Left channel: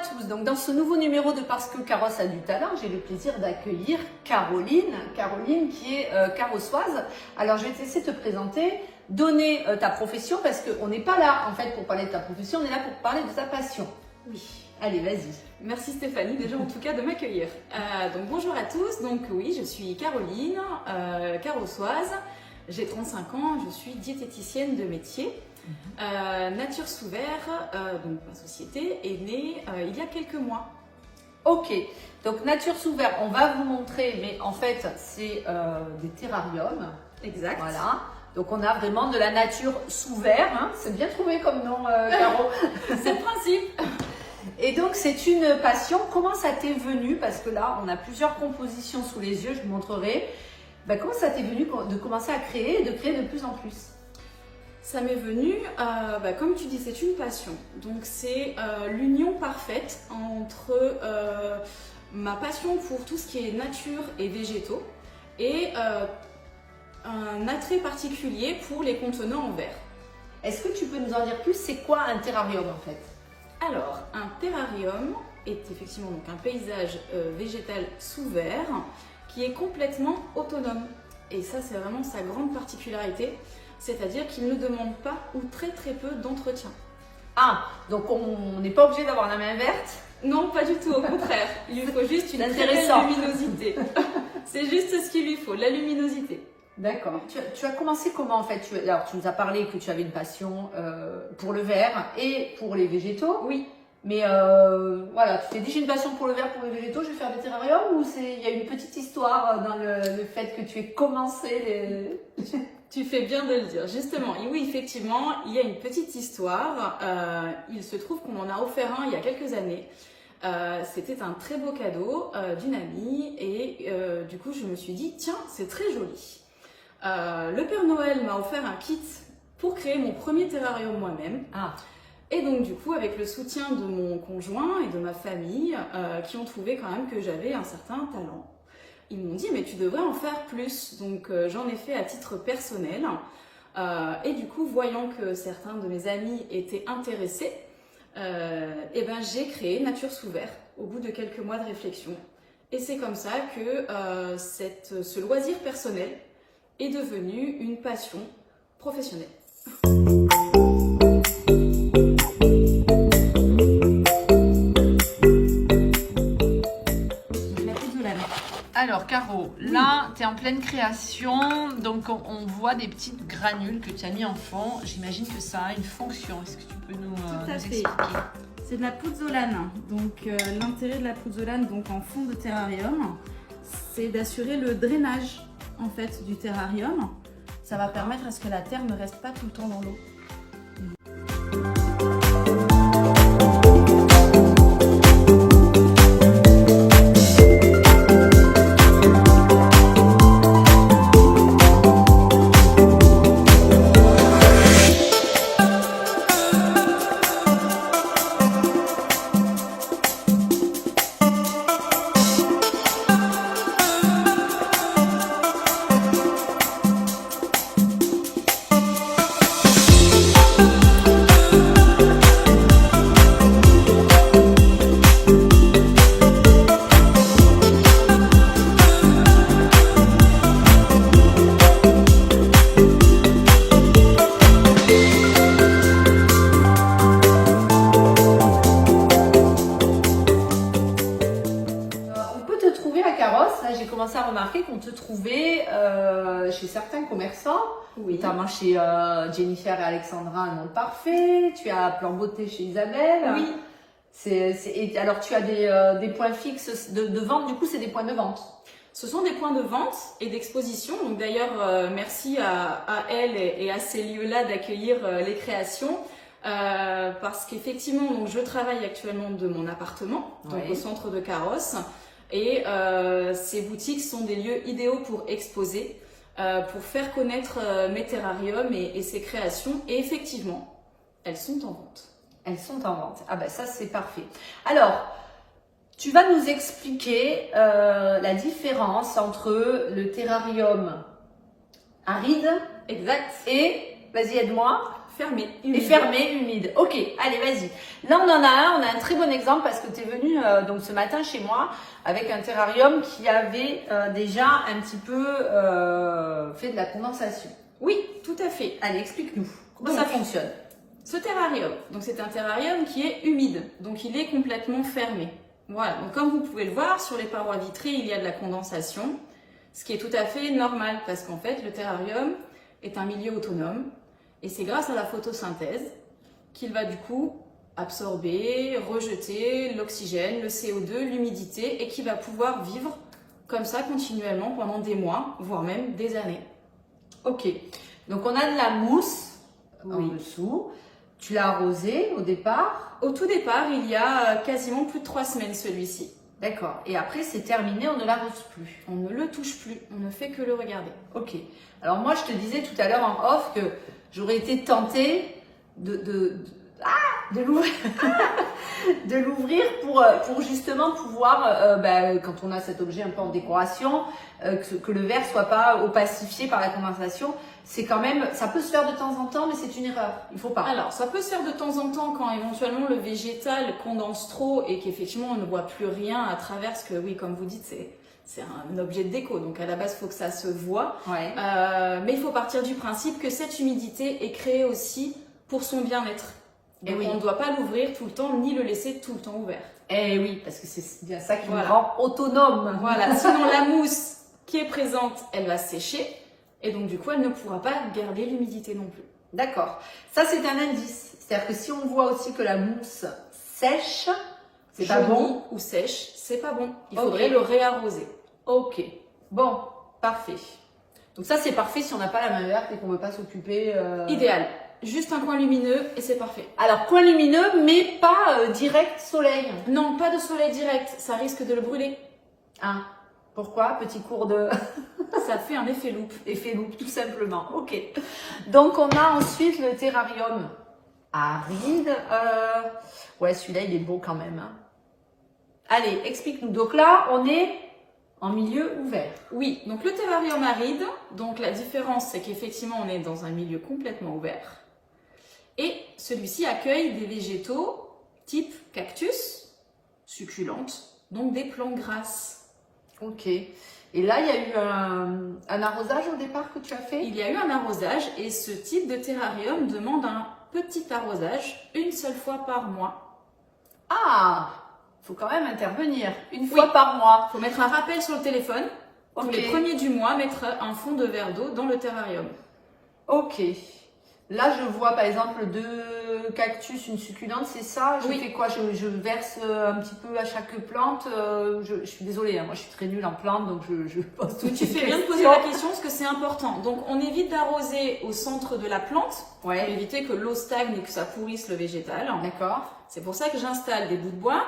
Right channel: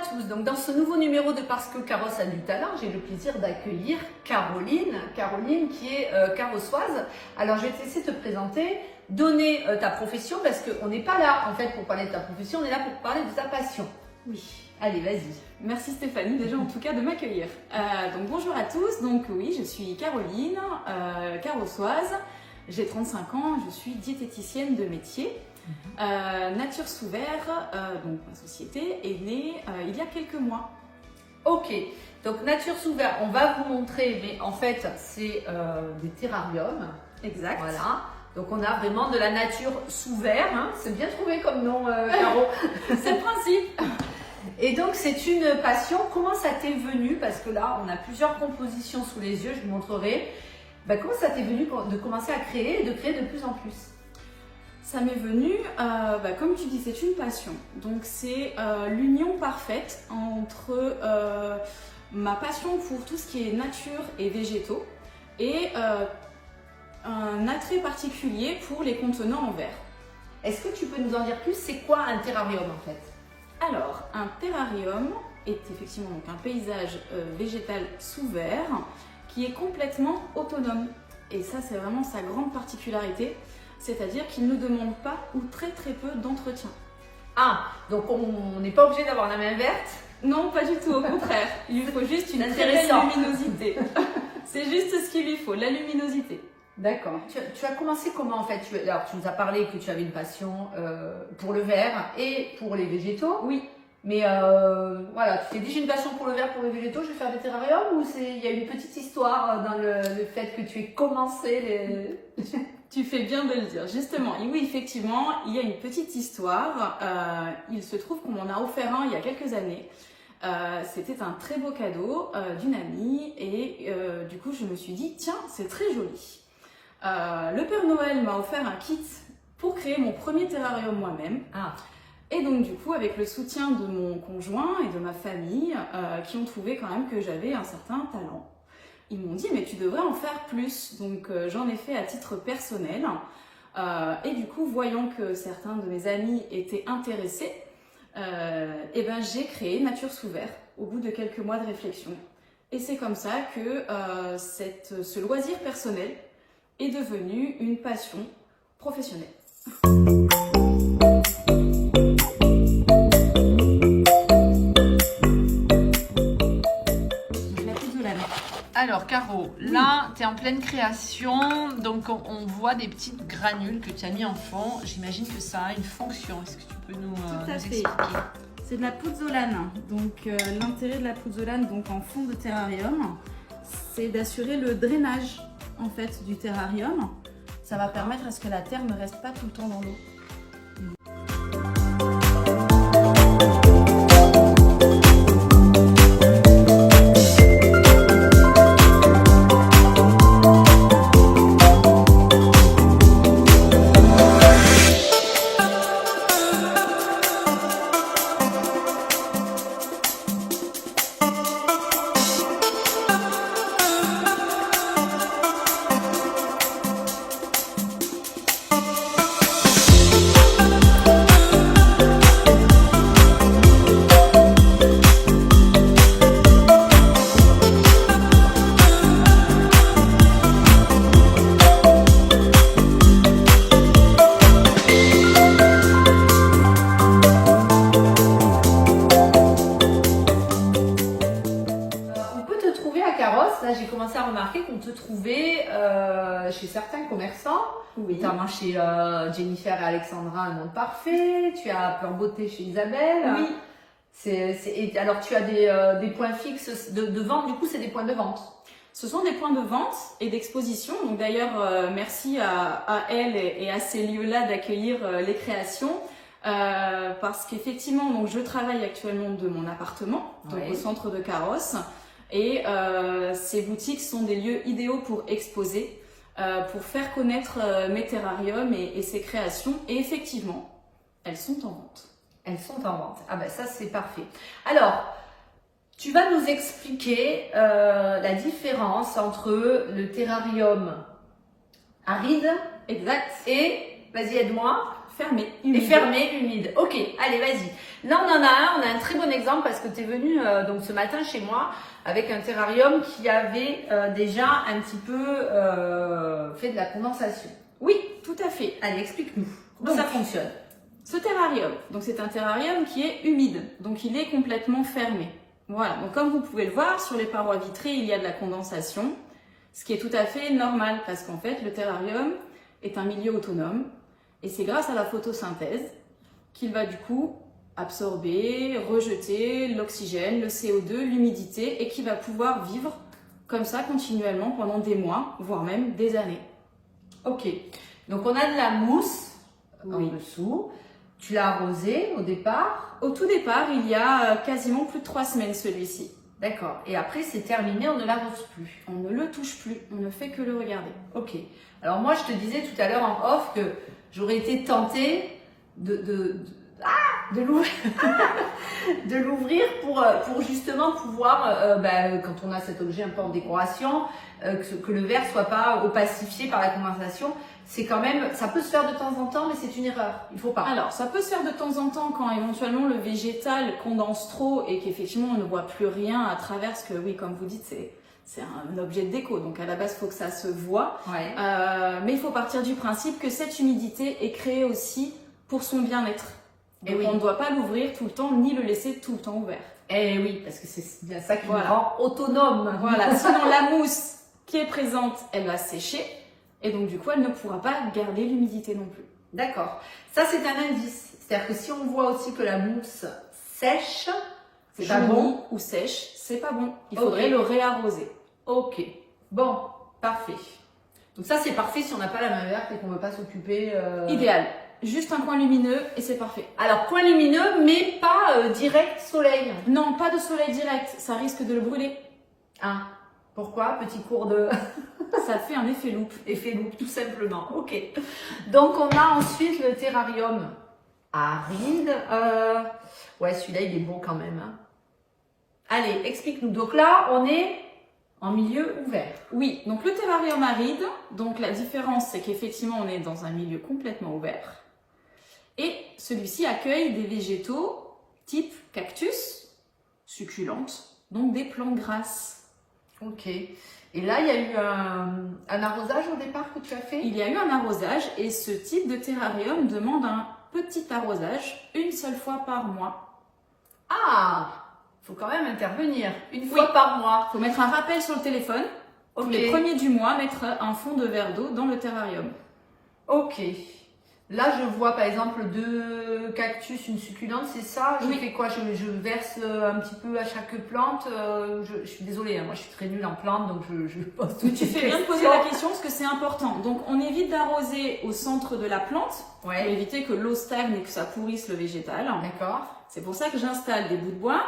tous, donc dans ce nouveau numéro de Parce que Carrosse a du talent, j'ai le plaisir d'accueillir Caroline qui est carrossoise. Alors je vais te laisser te présenter, donner ta profession parce qu'on n'est pas là en fait pour parler de ta profession, on est là pour parler de ta passion. Oui. Allez, vas-y. Merci Stéphanie déjà en tout cas de m'accueillir. Donc bonjour à tous, donc oui je suis Caroline, carrossoise, j'ai 35 ans, je suis diététicienne de métier. Nature sous verre, donc ma société, est née il y a quelques mois. Ok, donc Nature sous verre, on va vous montrer, mais en fait c'est des terrariums. Exact. Voilà, donc on a vraiment de la nature sous verre, hein. C'est bien trouvé comme nom, Caro. C'est le principe. Et donc c'est une passion, comment ça t'est venu? Parce que là on a plusieurs compositions sous les yeux, je vous montrerai. Comment ça t'est venu de commencer à créer et de créer de plus en plus? Ça m'est venu, comme tu dis, c'est une passion. Donc c'est l'union parfaite entre ma passion pour tout ce qui est nature et végétaux et un attrait particulier pour les contenants en verre. Est-ce que tu peux nous en dire plus? C'est quoi un terrarium en fait? Alors, un terrarium est effectivement donc un paysage végétal sous verre qui est complètement autonome. Et ça, c'est vraiment sa grande particularité. C'est-à-dire qu'il ne demande pas ou très peu d'entretien. Ah, donc on n'est pas obligé d'avoir la main verte? Non, pas du tout, au contraire. Il lui faut juste une très belle luminosité. C'est juste ce qu'il lui faut, la luminosité. D'accord. Tu as commencé comment en fait? Alors tu nous as parlé que tu avais une passion pour le verre et pour les végétaux. Oui. Mais voilà, tu t'es dit j'ai une passion pour le verre, pour les végétaux, je vais faire des terrariums ou il y a une petite histoire dans le fait que tu aies commencé les... Tu fais bien de le dire, justement. Et oui, effectivement, il y a une petite histoire. Il se trouve qu'on m'en a offert un il y a quelques années. C'était un très beau cadeau d'une amie et du coup, je me suis dit, tiens, c'est très joli. Le Père Noël m'a offert un kit pour créer mon premier terrarium moi-même. Ah. Et donc, du coup, avec le soutien de mon conjoint et de ma famille, qui ont trouvé quand même que j'avais un certain talent. Ils m'ont dit, mais tu devrais en faire plus. Donc, j'en ai fait à titre personnel. Et du coup, voyant que certains de mes amis étaient intéressés, j'ai créé Nature sous verre au bout de quelques mois de réflexion. Et c'est comme ça que ce loisir personnel est devenu une passion professionnelle. Alors Caro, là tu es en pleine création, donc on voit des petites granules que tu as mis en fond. J'imagine que ça a une fonction. Est-ce que tu peux nous expliquer? C'est de la pouzzolane. Donc l'intérêt de la pouzzolane donc en fond de terrarium, c'est d'assurer le drainage en fait du terrarium. Ça va permettre à ce que la terre ne reste pas tout le temps dans l'eau. Là, j'ai commencé à remarquer qu'on te trouvait chez certains commerçants, Oui. notamment chez Jennifer et Alexandra, un monde parfait. Tu as Plan Beauté chez Isabelle. Oui. Et alors, tu as des points fixes de vente. Du coup, c'est des points de vente. Ce sont des points de vente et d'exposition. Donc d'ailleurs, merci à elle et à ces lieux-là d'accueillir les créations. Parce qu'effectivement, donc je travaille actuellement de mon appartement, donc au centre de Carrosse. Et ces boutiques sont des lieux idéaux pour exposer, pour faire connaître mes terrariums et ces créations. Et effectivement, elles sont en vente. Elles sont en vente. Ah ben ça, c'est parfait. Alors, tu vas nous expliquer la différence entre le terrarium aride Exact. et Vas-y, aide-moi. Fermé, Et humide. fermé, humide. Ok, allez, vas-y. Là, on en a un très bon exemple parce que tu es venu donc ce matin chez moi avec un terrarium qui avait déjà un petit peu fait de la condensation. Oui, tout à fait. Allez, explique-nous comment Donc, ça fonctionne. Ce terrarium, donc c'est un terrarium qui est humide, donc il est complètement fermé. Voilà, donc comme vous pouvez le voir, sur les parois vitrées, il y a de la condensation, ce qui est tout à fait normal parce qu'en fait, le terrarium est un milieu autonome et c'est grâce à la photosynthèse qu'il va du coup absorber, rejeter l'oxygène, le CO2, l'humidité et qui va pouvoir vivre comme ça continuellement pendant des mois, voire même des années. Ok, donc on a de la mousse Oui. en dessous. Tu l'as arrosé au départ. Au tout départ, il y a quasiment plus de 3 semaines celui-ci. D'accord. Et après, c'est terminé, on ne l'arrose plus. On ne le touche plus, on ne fait que le regarder. Ok. Alors moi, je te disais tout à l'heure en off que j'aurais été tentée de l'ouvrir, de l'ouvrir pour justement pouvoir, quand on a cet objet un peu en décoration, que le verre soit pas opacifié par la condensation. C'est quand même, ça peut se faire de temps en temps, mais c'est une erreur. Il faut pas. Alors, ça peut se faire de temps en temps quand éventuellement le végétal condense trop et qu'effectivement on ne voit plus rien à travers, parce que oui, comme vous dites, c'est un objet de déco, donc à la base, il faut que ça se voit. Ouais. Mais il faut partir du principe que cette humidité est créée aussi pour son bien-être. Donc oui. on ne doit pas l'ouvrir tout le temps, ni le laisser tout le temps ouvert. Eh oui, parce que c'est bien ça qui Voilà. nous rend autonome. Voilà, sinon la mousse qui est présente, elle va sécher. Et donc, du coup, elle ne pourra pas garder l'humidité non plus. D'accord. Ça, c'est un indice. C'est-à-dire que si on voit aussi que la mousse sèche, c'est pas Jaunit bon. ou sèche, c'est pas bon. Il Ok. faudrait le réarroser. Ok. Bon, parfait. Donc ça, c'est parfait si on n'a pas la main verte et qu'on ne veut pas s'occuper. Idéal. Juste un coin lumineux et c'est parfait. Alors, point lumineux, mais pas direct soleil. Non, pas de soleil direct, ça risque de le brûler. Ah, pourquoi? Petit cours de Ça fait un effet loupe. effet loupe, tout simplement. Ok. Donc, on a ensuite le terrarium aride. Ouais, celui-là, il est beau quand même. Hein. Allez, explique-nous. Donc là, on est en milieu ouvert. Oui, donc le terrarium aride, donc la différence c'est qu'effectivement on est dans un milieu complètement ouvert. Et celui-ci accueille des végétaux type cactus, succulentes, donc des plantes grasses. Ok. Et là, il y a eu un arrosage au départ que tu as fait? Il y a eu un arrosage et ce type de terrarium demande un petit arrosage une seule fois par mois. Ah, il faut quand même intervenir une fois Oui. par mois. Il faut mettre un rappel sur le téléphone. Tous Ok. les premiers du mois, mettre un fond de verre d'eau dans le terrarium. Ok. Là, je vois par exemple 2 cactus, une succulente, c'est ça? Je Oui. fais quoi? Je verse un petit peu à chaque plante. Je suis désolée, hein, moi je suis très nulle en plantes, donc je pose Mais toutes tu ces fais bien de poser questions. la question parce que c'est important. Donc on évite d'arroser au centre de la plante pour Ouais, éviter que l'eau stagne et que ça pourrisse le végétal. d'accord. C'est pour ça que j'installe des bouts de bois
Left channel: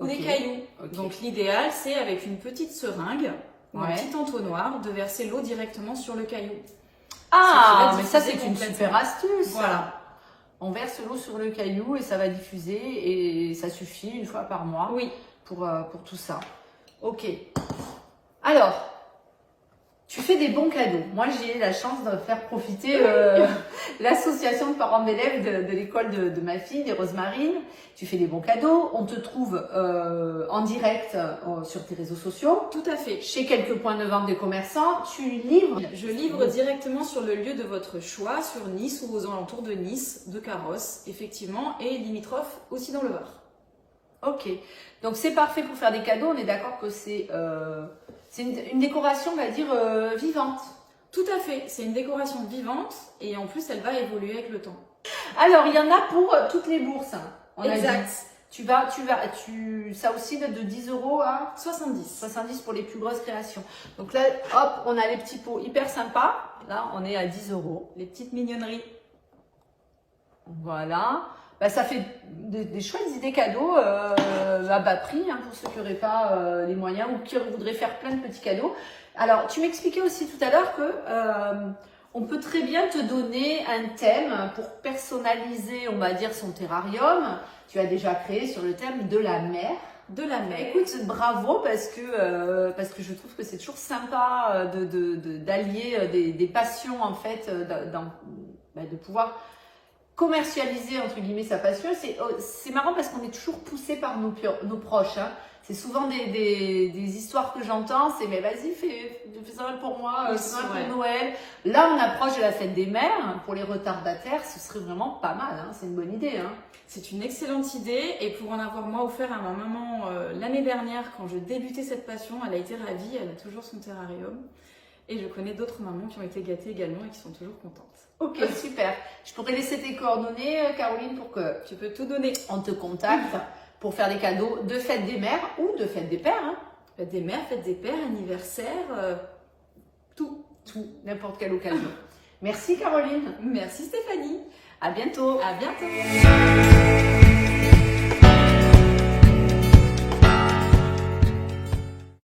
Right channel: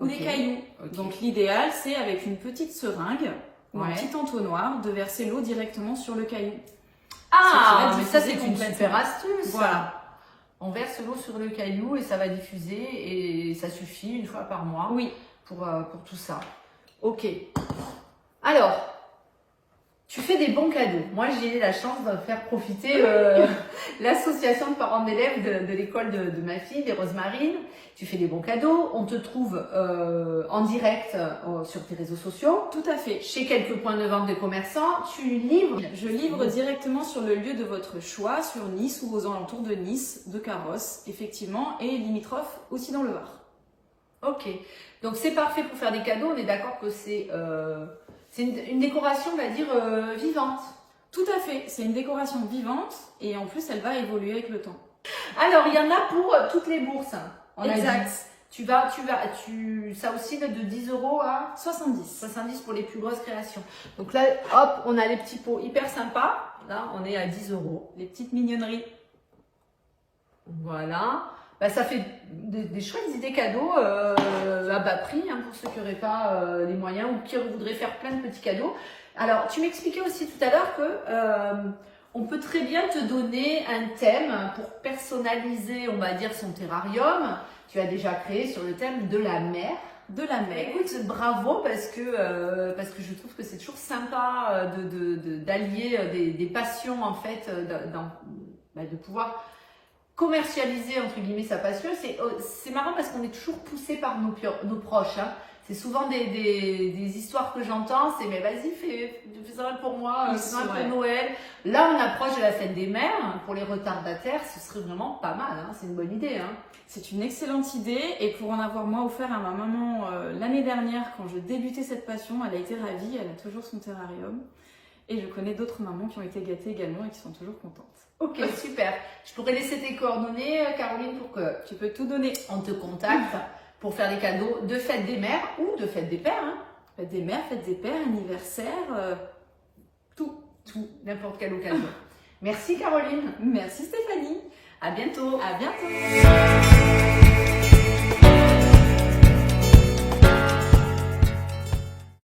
ou Ok. des cailloux. Ok. Donc l'idéal c'est avec une petite seringue ou un Ouais. petit entonnoir de verser l'eau directement sur le caillou. Ah, Ça mais ça diffuser c'est une complètement. super astuce. ça. Voilà. On verse l'eau sur le caillou et ça va diffuser et ça suffit une fois par mois Oui. pour tout ça. Ok. Alors, tu fais des bons cadeaux. Moi, j'ai eu la chance de faire profiter l'association de parents d'élèves de l'école de ma fille, des Rosemarines. Tu fais des bons cadeaux. On te trouve en direct sur tes réseaux sociaux, Tout à fait. chez quelques points de vente des commerçants. Tu livres. Je livre directement sur le lieu de votre choix, sur Nice ou aux alentours de Nice, de Carrosse, effectivement, et limitrophe aussi dans le Var. Ok. Donc c'est parfait pour faire des cadeaux. On est d'accord que c'est une décoration, on va dire, vivante. Tout à fait, c'est une décoration vivante et en plus elle va évoluer avec le temps. Alors, il y en a pour toutes les bourses. Hein, on a Exact. dit. Ça aussi va de 10 € à 70. 70 pour les plus grosses créations. Donc là, hop, on a les petits pots hyper sympas. Là, on est à 10 €. Les petites mignonneries. Voilà. Bah, ça fait des chouettes idées cadeaux à bas prix hein, pour ceux qui n'auraient pas les moyens ou qui voudraient faire plein de petits cadeaux. Alors, tu m'expliquais aussi tout à l'heure que on peut très bien te donner un thème pour personnaliser, on va dire, son terrarium. Tu as déjà créé sur le thème de la mer. De la mer. Écoute, bravo parce que je trouve que c'est toujours sympa d'allier des passions en fait de pouvoir commercialiser entre guillemets sa passion. C'est marrant parce qu'on est toujours poussé par nos proches. Hein. C'est souvent des histoires que j'entends, c'est mais vas-y, fais ça pour moi, Oui, fais ça pour vrai. Noël. Là, on approche de la fête des mères. Pour les retardataires, ce serait vraiment pas mal. Hein. C'est une bonne idée. Hein. C'est une excellente idée et pour en avoir moi offert à ma maman l'année dernière quand je débutais cette passion, elle a été ravie, elle a toujours son terrarium et je connais d'autres mamans qui ont été gâtées également et qui sont toujours contentes. Ok, super. Je pourrais laisser tes coordonnées, Caroline, pour que Tu peux tout donner. on te contacte pour faire des cadeaux de fête des mères ou de fête des pères. Hein. Fête des mères, fête des pères, anniversaire, tout. Tout, n'importe quelle occasion. Merci Caroline. Merci Stéphanie. À bientôt. À bientôt.